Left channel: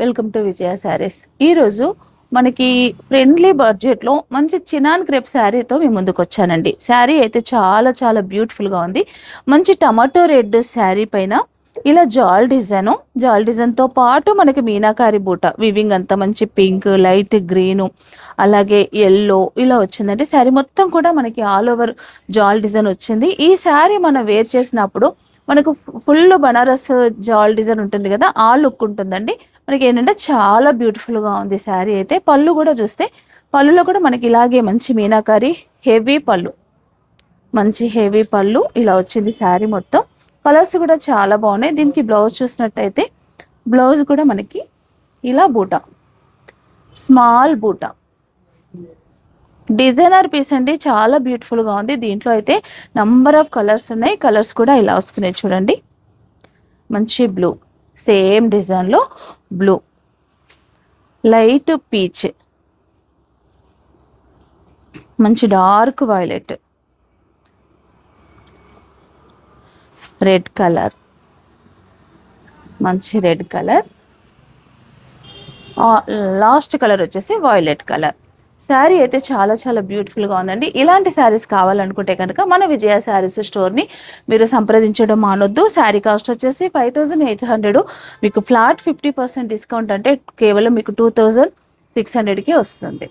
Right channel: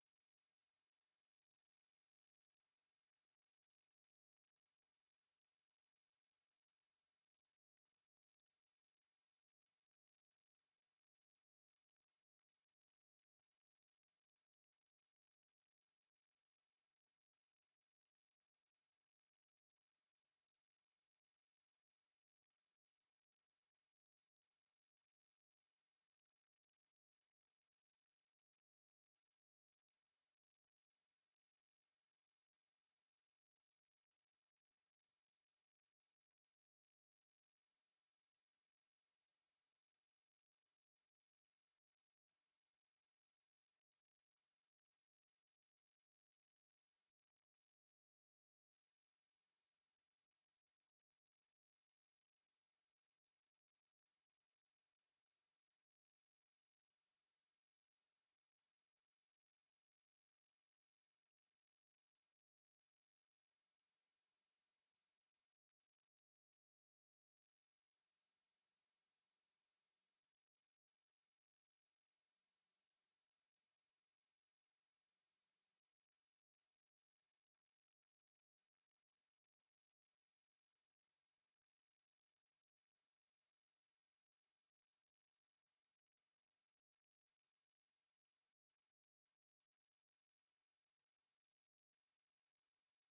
Welcome to విజయ శారీస్. ఈరోజు మనకి friendly బడ్జెట్లో మంచి చినాన్ క్రేప్ శారీతో మీ ముందుకు వచ్చానండి. శారీ అయితే చాలా చాలా బ్యూటిఫుల్గా ఉంది. మంచి టమాటో రెడ్ శారీ పైన ఇలా జాల్ డిజైన్తో పాటు మనకి మీనాకారి బూట వివింగ్ అంతా మంచి పింక్, లైట్ గ్రీను, అలాగే ఎల్లో ఇలా వచ్చిందండి. శారీ మొత్తం కూడా మనకి ఆల్ ఓవర్ జాల్ డిజైన్ వచ్చింది. ఈ శారీ మనం వేర్ చేసినప్పుడు మనకు ఫుల్ బనారస్ జాల్ డిజైన్ ఉంటుంది కదా, ఆ లుక్ ఉంటుందండి. మనకి ఏంటంటే చాలా బ్యూటిఫుల్గా ఉంది శారీ అయితే. పళ్ళు కూడా చూస్తే పళ్ళులో కూడా మనకి ఇలాగే మంచి మీనాకారి హెవీ పళ్ళు, మంచి హెవీ పళ్ళు ఇలా వచ్చింది శారీ మొత్తం. కలర్స్ కూడా చాలా బాగున్నాయి. దీనికి బ్లౌజ్ చూసినట్టయితే బ్లౌజ్ కూడా మనకి ఇలా బూట, స్మాల్ బూట, డిజైనర్ పీస్ అండి. చాలా బ్యూటిఫుల్గా ఉంది. దీంట్లో అయితే నంబర్ ఆఫ్ కలర్స్ ఉన్నాయి. కలర్స్ కూడా ఇలా వస్తున్నాయి చూడండి. మంచి బ్లూ, సేమ్ డిజైన్లో బ్లూ, లైట్ పీచ్, మంచి డార్క్ వైలెట్, రెడ్ కలర్, మంచి రెడ్ కలర్, లాస్ట్ కలర్ వచ్చేసి వైలెట్ కలర్. శారీ అయితే చాలా చాలా బ్యూటిఫుల్గా ఉందండి. ఇలాంటి శారీస్ కావాలనుకుంటే కనుక మన విజయ శారీస్ స్టోర్ని మీరు సంప్రదించడం మానొద్దు. శారీ కాస్ట్ వచ్చేసి 5800. మీకు ఫ్లాట్ 50% డిస్కౌంట్ అంటే కేవలం మీకు 2600కి వస్తుంది.